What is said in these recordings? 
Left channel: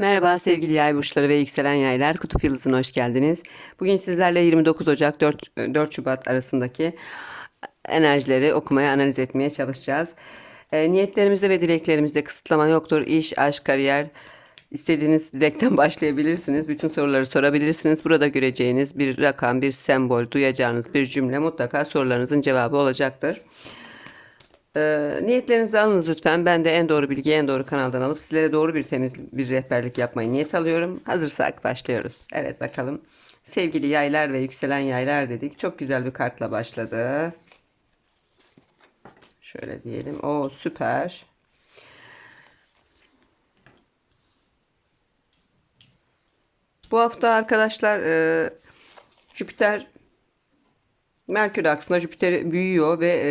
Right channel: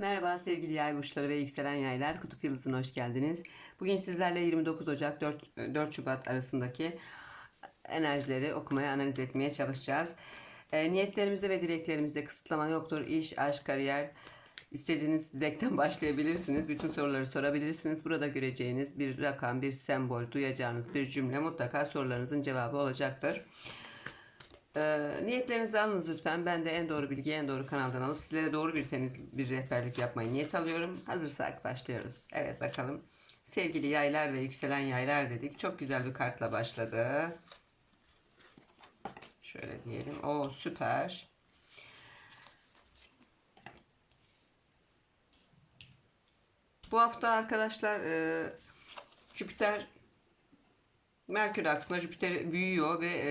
Merhaba sevgili yay burçları ve yükselen yaylar. Kutup Yıldızı'na hoş geldiniz. Bugün sizlerle 29 Ocak 4, 4 Şubat arasındaki enerjileri okumaya, analiz etmeye çalışacağız. E, niyetlerimizde ve dileklerimizde kısıtlama yoktur. İş, aşk, kariyer, istediğiniz dilekten başlayabilirsiniz. Bütün soruları sorabilirsiniz. Burada göreceğiniz bir rakam, bir sembol, duyacağınız bir cümle mutlaka sorularınızın cevabı olacaktır. Ee, niyetlerinizi alınız lütfen. Ben de en doğru bilgiyi en doğru kanaldan alıp sizlere doğru bir temiz bir rehberlik yapmayı niyet alıyorum. Hazırsak başlıyoruz. Evet bakalım. Sevgili yaylar ve yükselen yaylar dedik. Çok güzel bir kartla başladı. Şöyle diyelim. O süper. Bu hafta arkadaşlar e, Jüpiter Merkür aksında Jüpiter büyüyor ve e,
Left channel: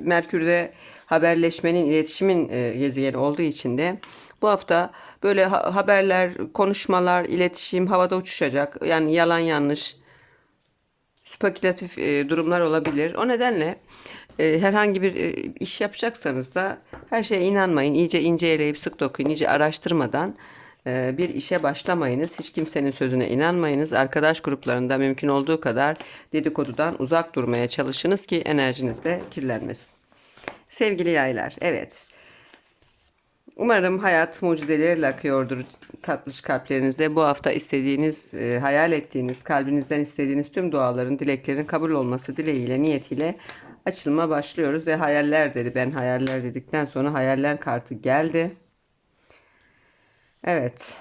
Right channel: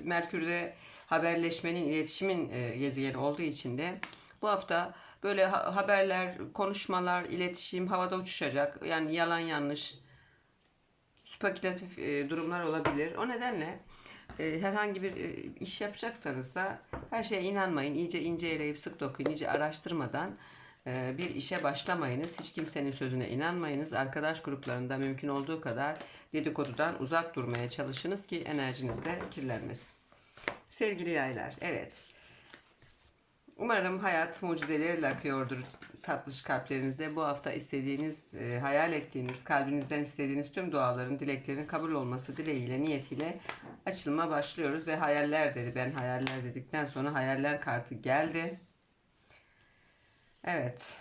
Merkür'de haberleşmenin, iletişimin e, gezegeni olduğu için de bu hafta böyle ha- haberler, konuşmalar, iletişim havada uçuşacak. Yani yalan yanlış, spekülatif e, durumlar olabilir. O nedenle e, herhangi bir e, iş yapacaksanız da her şeye inanmayın. İyice inceleyip sık dokuyun, iyice araştırmadan bir işe başlamayınız. Hiç kimsenin sözüne inanmayınız. Arkadaş gruplarında mümkün olduğu kadar dedikodudan uzak durmaya çalışınız ki enerjiniz de kirlenmesin. Sevgili yaylar, evet. Umarım hayat mucizeleriyle akıyordur tatlış kalplerinizde. Bu hafta istediğiniz, e, hayal ettiğiniz, kalbinizden istediğiniz tüm duaların, dileklerin kabul olması dileğiyle, niyetiyle açılma başlıyoruz. Ve hayaller dedi. Ben hayaller dedikten sonra hayaller kartı geldi. Evet.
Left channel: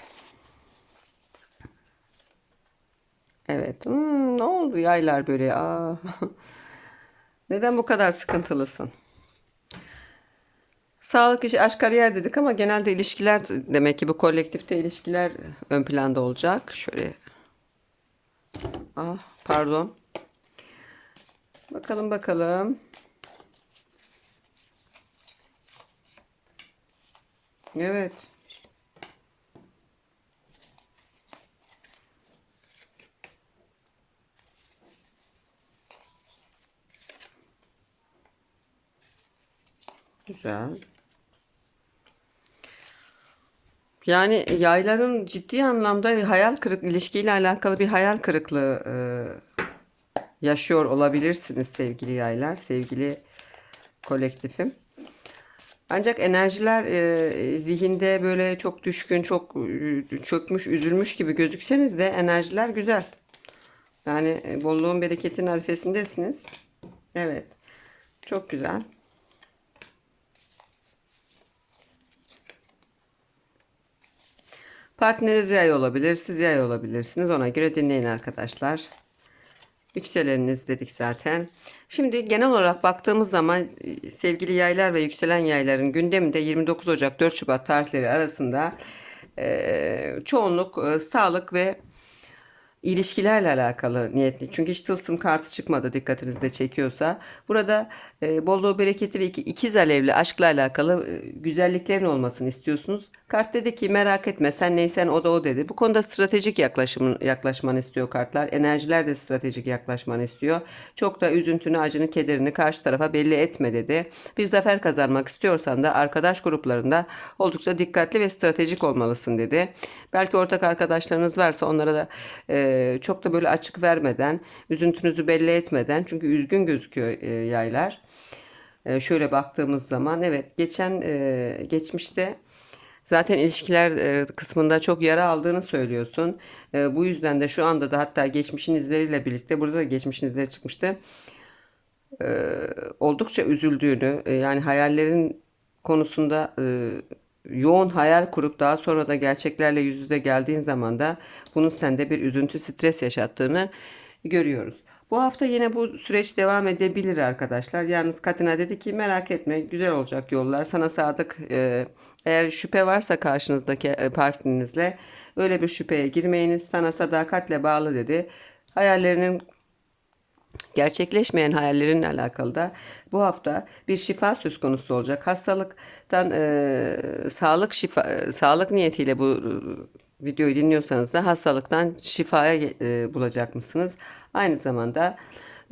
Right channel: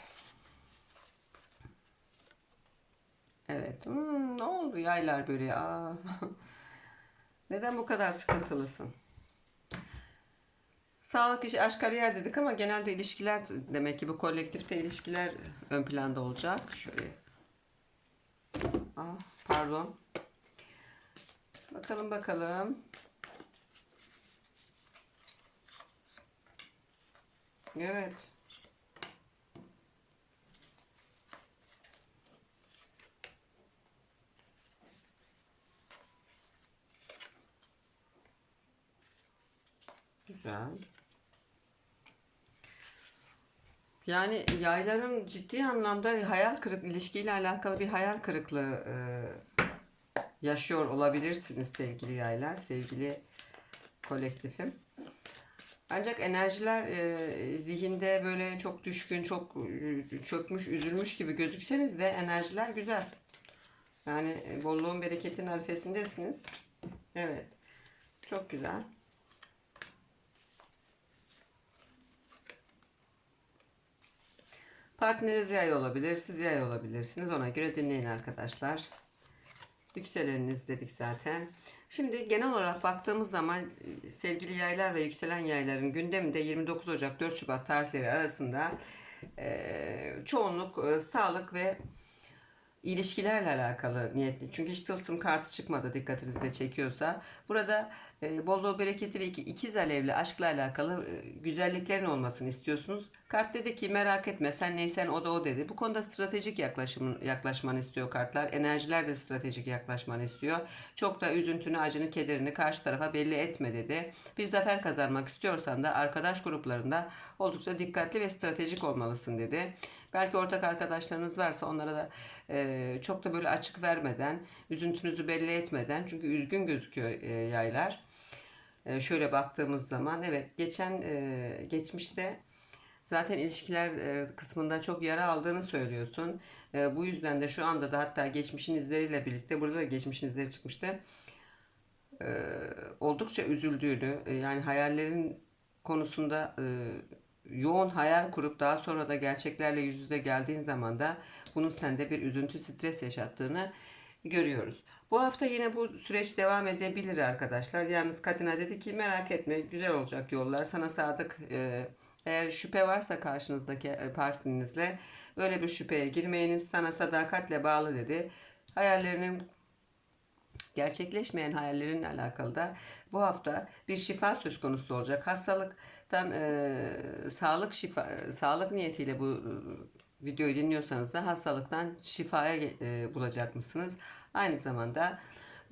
Evet. Hmm, ne oldu yaylar böyle? Aa. Neden bu kadar sıkıntılısın? Sağlık, iş, aşk, kariyer dedik ama genelde ilişkiler demek ki bu kolektifte ilişkiler ön planda olacak. Şöyle. Ah, pardon. Bakalım bakalım. Evet. Güzel. Yani yayların ciddi anlamda hayal kırık ilişkiyle alakalı bir hayal kırıklığı e, yaşıyor olabilirsiniz sevgili yaylar, sevgili kolektifim. Ancak enerjiler e, zihinde böyle çok düşkün, çok e, çökmüş, üzülmüş gibi gözükseniz de enerjiler güzel. Yani e, bolluğun bereketin arifesindesiniz. Evet. Çok güzel. Partneriniz yay olabilir, siz yay olabilirsiniz. Ona göre dinleyin arkadaşlar. Yükseleniniz dedik zaten. Şimdi genel olarak baktığımız zaman e, sevgili yaylar ve yükselen yayların gündeminde 29 Ocak 4 Şubat tarihleri arasında e, çoğunluk e, sağlık ve ilişkilerle alakalı niyetli. Çünkü hiç tılsım kartı çıkmadı dikkatinizi de çekiyorsa. Burada e, bolluğu, bereketi ve iki, ikiz alevli aşkla alakalı e, güzelliklerin olmasını istiyorsunuz. Kart dedi ki merak etme sen neysen o da o dedi. Bu konuda stratejik yaklaşımın, yaklaşmanı istiyor kartlar. Enerjiler de stratejik yaklaşmanı istiyor. Çok da üzüntünü, acını, kederini karşı tarafa belli etme dedi. Bir zafer kazanmak istiyorsan da arkadaş gruplarında oldukça dikkatli ve stratejik olmalısın dedi. Belki ortak arkadaşlarınız varsa onlara da e, çok da böyle açık vermeden, üzüntünüzü belli etmeden çünkü üzgün gözüküyor e, yaylar. E, şöyle baktığımız zaman evet geçen e, geçmişte zaten ilişkiler e, kısmında çok yara aldığını söylüyorsun. E, bu yüzden de şu anda da hatta geçmişin izleriyle birlikte burada da geçmişin izleri çıkmıştı. E, oldukça üzüldüğünü e, yani hayallerin konusunda e, yoğun hayal kurup daha sonra da gerçeklerle yüz yüze geldiğin zaman da bunun sende bir üzüntü, stres yaşattığını görüyoruz. Bu hafta yine bu süreç devam edebilir arkadaşlar. Yalnız Katina dedi ki merak etme güzel olacak yollar. Sana sadık e, eğer şüphe varsa karşınızdaki e, partnerinizle öyle bir şüpheye girmeyiniz. Sana sadakatle bağlı dedi. Hayallerinin gerçekleşmeyen hayallerinle alakalı da bu hafta bir şifa söz konusu olacak. Hastalıktan e, sağlık şifa e, sağlık niyetiyle bu e, videoyu dinliyorsanız da hastalıktan şifaya e, bulacak mısınız? Aynı zamanda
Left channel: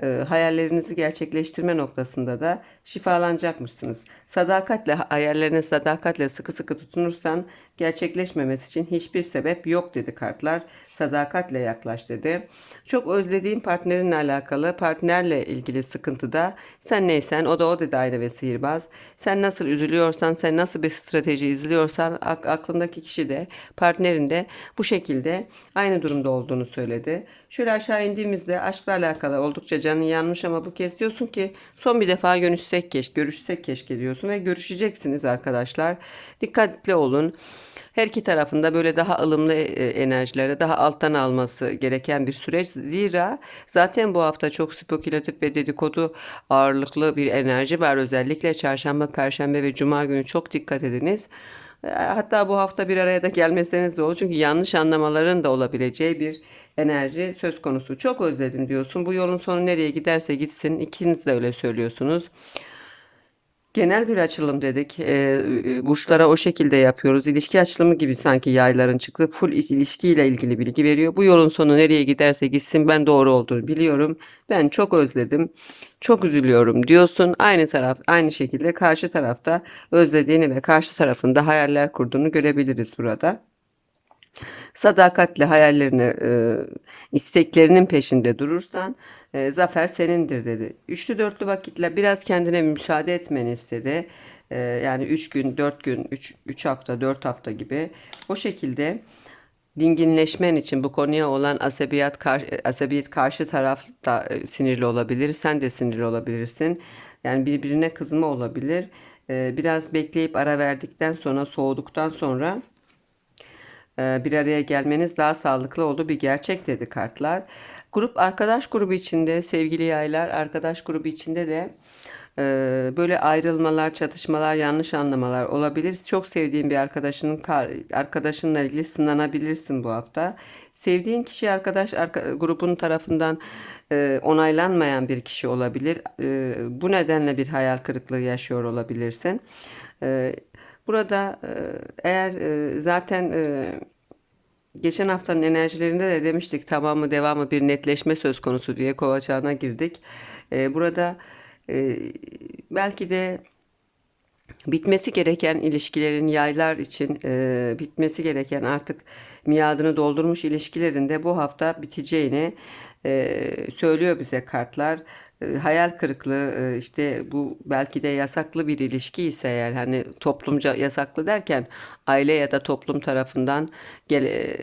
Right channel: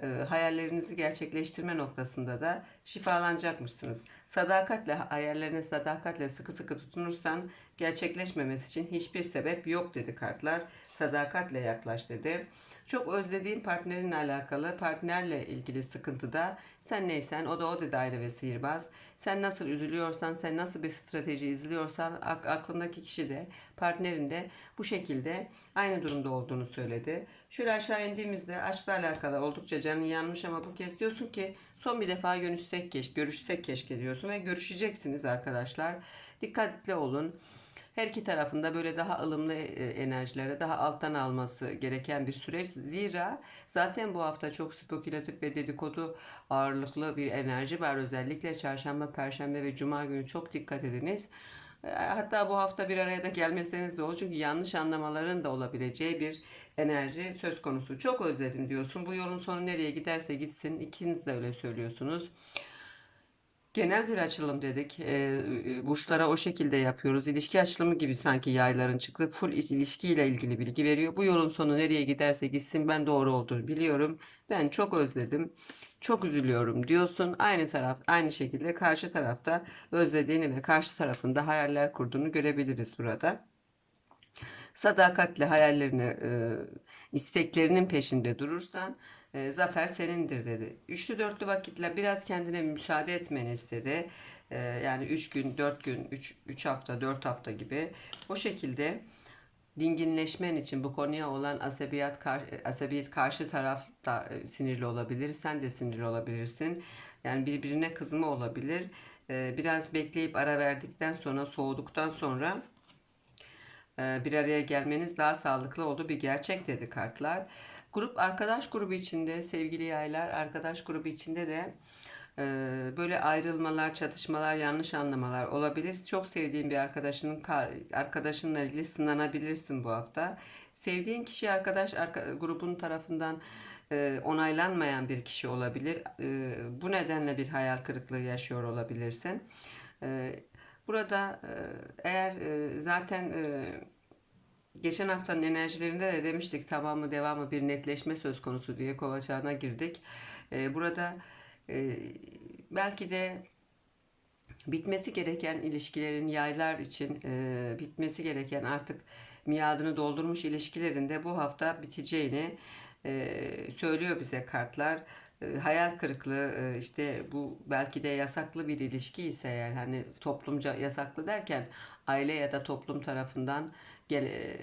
e, hayallerinizi gerçekleştirme noktasında da şifalanacakmışsınız. Sadakatle, hayallerine sadakatle sıkı sıkı tutunursan gerçekleşmemesi için hiçbir sebep yok dedi kartlar. Sadakatle yaklaş dedi. Çok özlediğin partnerinle alakalı, partnerle ilgili sıkıntıda sen neysen o da o dedi aile ve sihirbaz. Sen nasıl üzülüyorsan, sen nasıl bir strateji izliyorsan ak- aklındaki kişi de partnerin de bu şekilde aynı durumda olduğunu söyledi. Şöyle aşağı indiğimizde aşkla alakalı oldukça canın yanmış ama bu kez diyorsun ki son bir defa görüşsek keşke, görüşsek keşke diyorsun ve görüşeceksiniz arkadaşlar. Dikkatli olun. Her iki tarafında böyle daha ılımlı e, enerjilere daha alttan alması gereken bir süreç. Zira zaten bu hafta çok spekülatif ve dedikodu ağırlıklı bir enerji var. Özellikle çarşamba, perşembe ve cuma günü çok dikkat ediniz. E, Hatta bu hafta bir araya da gelmeseniz de olur. Çünkü yanlış anlamaların da olabileceği bir enerji söz konusu. Çok özledim diyorsun. Bu yolun sonu nereye giderse gitsin. İkiniz de öyle söylüyorsunuz. Genel bir açılım dedik. Ee, burçlara o şekilde yapıyoruz. İlişki açılımı gibi sanki yayların çıktı. Full ilişkiyle ilgili bilgi veriyor. Bu yolun sonu nereye giderse gitsin ben doğru olduğunu biliyorum. Ben çok özledim. Çok üzülüyorum diyorsun. Aynı taraf aynı şekilde karşı tarafta özlediğini ve karşı tarafında hayaller kurduğunu görebiliriz burada sadakatle hayallerini, e, isteklerinin peşinde durursan e, zafer senindir dedi. Üçlü dörtlü vakitle biraz kendine müsaade etmeni istedi. E, yani 3 gün, 4 gün, 3 3 hafta, 4 hafta gibi o şekilde dinginleşmen için bu konuya olan asabiyet karşı, asabiyet karşı taraf da e, sinirli olabilir. Sen de sinirli olabilirsin. Yani birbirine kızma olabilir. E, biraz bekleyip ara verdikten sonra soğuduktan sonra e, bir araya gelmeniz daha sağlıklı oldu bir gerçek dedi kartlar. Grup arkadaş grubu içinde sevgili yaylar arkadaş grubu içinde de e, böyle ayrılmalar, çatışmalar, yanlış anlamalar olabilir. Çok sevdiğin bir arkadaşının arkadaşınla ilgili sınanabilirsin bu hafta. Sevdiğin kişi arkadaş arka, grubun tarafından e, onaylanmayan bir kişi olabilir. E, bu nedenle bir hayal kırıklığı yaşıyor olabilirsin. E, Burada e, eğer e, zaten e, geçen haftanın enerjilerinde de demiştik tamamı devamı bir netleşme söz konusu diye kova çağına girdik. Burada belki de bitmesi gereken ilişkilerin yaylar için bitmesi gereken artık miadını doldurmuş ilişkilerin de bu hafta biteceğini söylüyor bize kartlar e, hayal kırıklığı e, işte bu belki de yasaklı bir ilişki ise eğer hani toplumca yasaklı derken aile ya da toplum tarafından gel, e,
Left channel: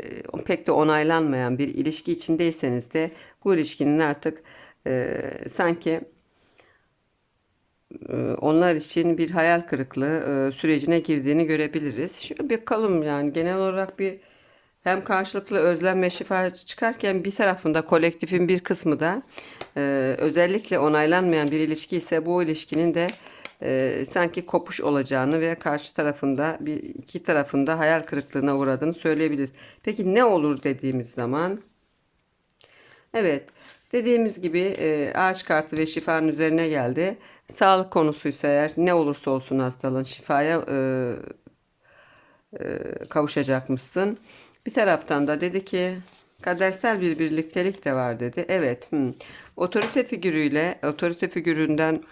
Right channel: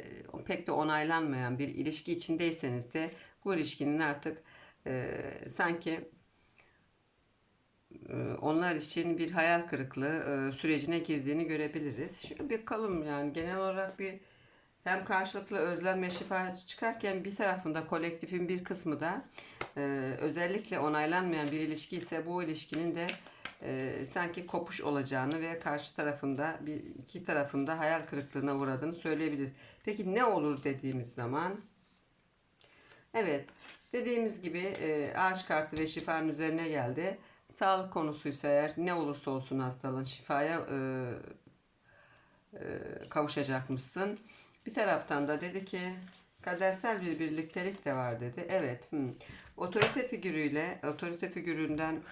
pek de onaylanmayan bir ilişki içindeyseniz de bu ilişkinin artık e, sanki onlar için bir hayal kırıklığı e, sürecine girdiğini görebiliriz. Şöyle bir kalım yani genel olarak bir hem karşılıklı özlem ve şifa çıkarken bir tarafında kolektifin bir kısmı da e, özellikle onaylanmayan bir ilişki ise bu ilişkinin de e, sanki kopuş olacağını ve karşı tarafında bir iki tarafında hayal kırıklığına uğradığını söyleyebiliriz. Peki ne olur dediğimiz zaman evet dediğimiz gibi e, ağaç kartı ve şifanın üzerine geldi. Sağlık konusuysa eğer ne olursa olsun hastalığın şifaya e, e, kavuşacakmışsın. Bir taraftan da dedi ki kadersel bir birliktelik de var dedi. Evet. Hmm. Otorite figürüyle otorite figüründen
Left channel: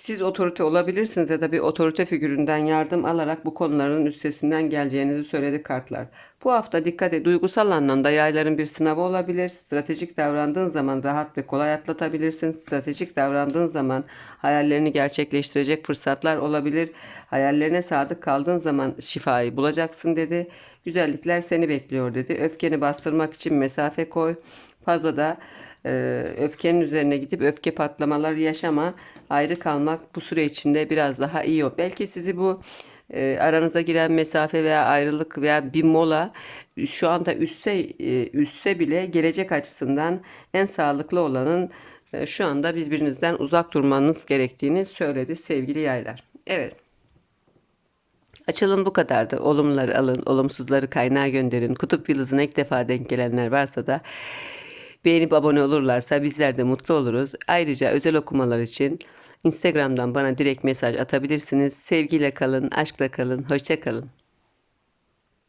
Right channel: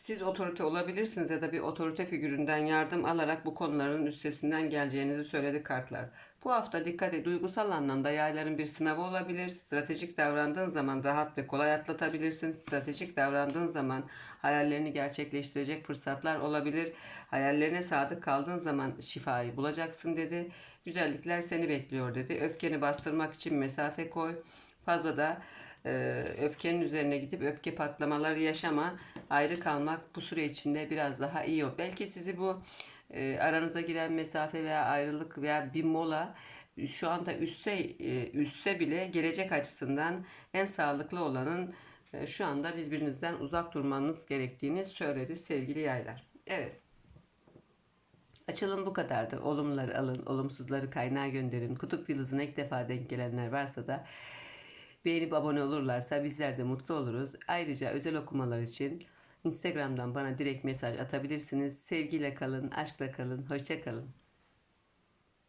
siz otorite olabilirsiniz ya da bir otorite figüründen yardım alarak bu konuların üstesinden geleceğinizi söyledi kartlar. Bu hafta dikkat et. Duygusal anlamda yayların bir sınavı olabilir. Stratejik davrandığın zaman rahat ve kolay atlatabilirsin. Stratejik davrandığın zaman hayallerini gerçekleştirecek fırsatlar olabilir. Hayallerine sadık kaldığın zaman şifayı bulacaksın dedi. Güzellikler seni bekliyor dedi. Öfkeni bastırmak için mesafe koy. Fazla da e, öfkenin üzerine gidip öfke patlamaları yaşama. Ayrı kalmak bu süre içinde biraz daha iyi o. Belki sizi bu e, aranıza giren mesafe veya ayrılık veya bir mola şu anda üstse e, üstse bile gelecek açısından en sağlıklı olanın e, şu anda birbirinizden uzak durmanız gerektiğini söyledi sevgili yaylar. Evet. Açılım bu kadardı. Olumları alın, olumsuzları kaynağa gönderin. Kutup yıldızına ilk defa denk gelenler varsa da beğenip abone olurlarsa bizler de mutlu oluruz. Ayrıca özel okumalar için Instagram'dan bana direkt mesaj atabilirsiniz. Sevgiyle kalın, aşkla kalın, hoşça kalın.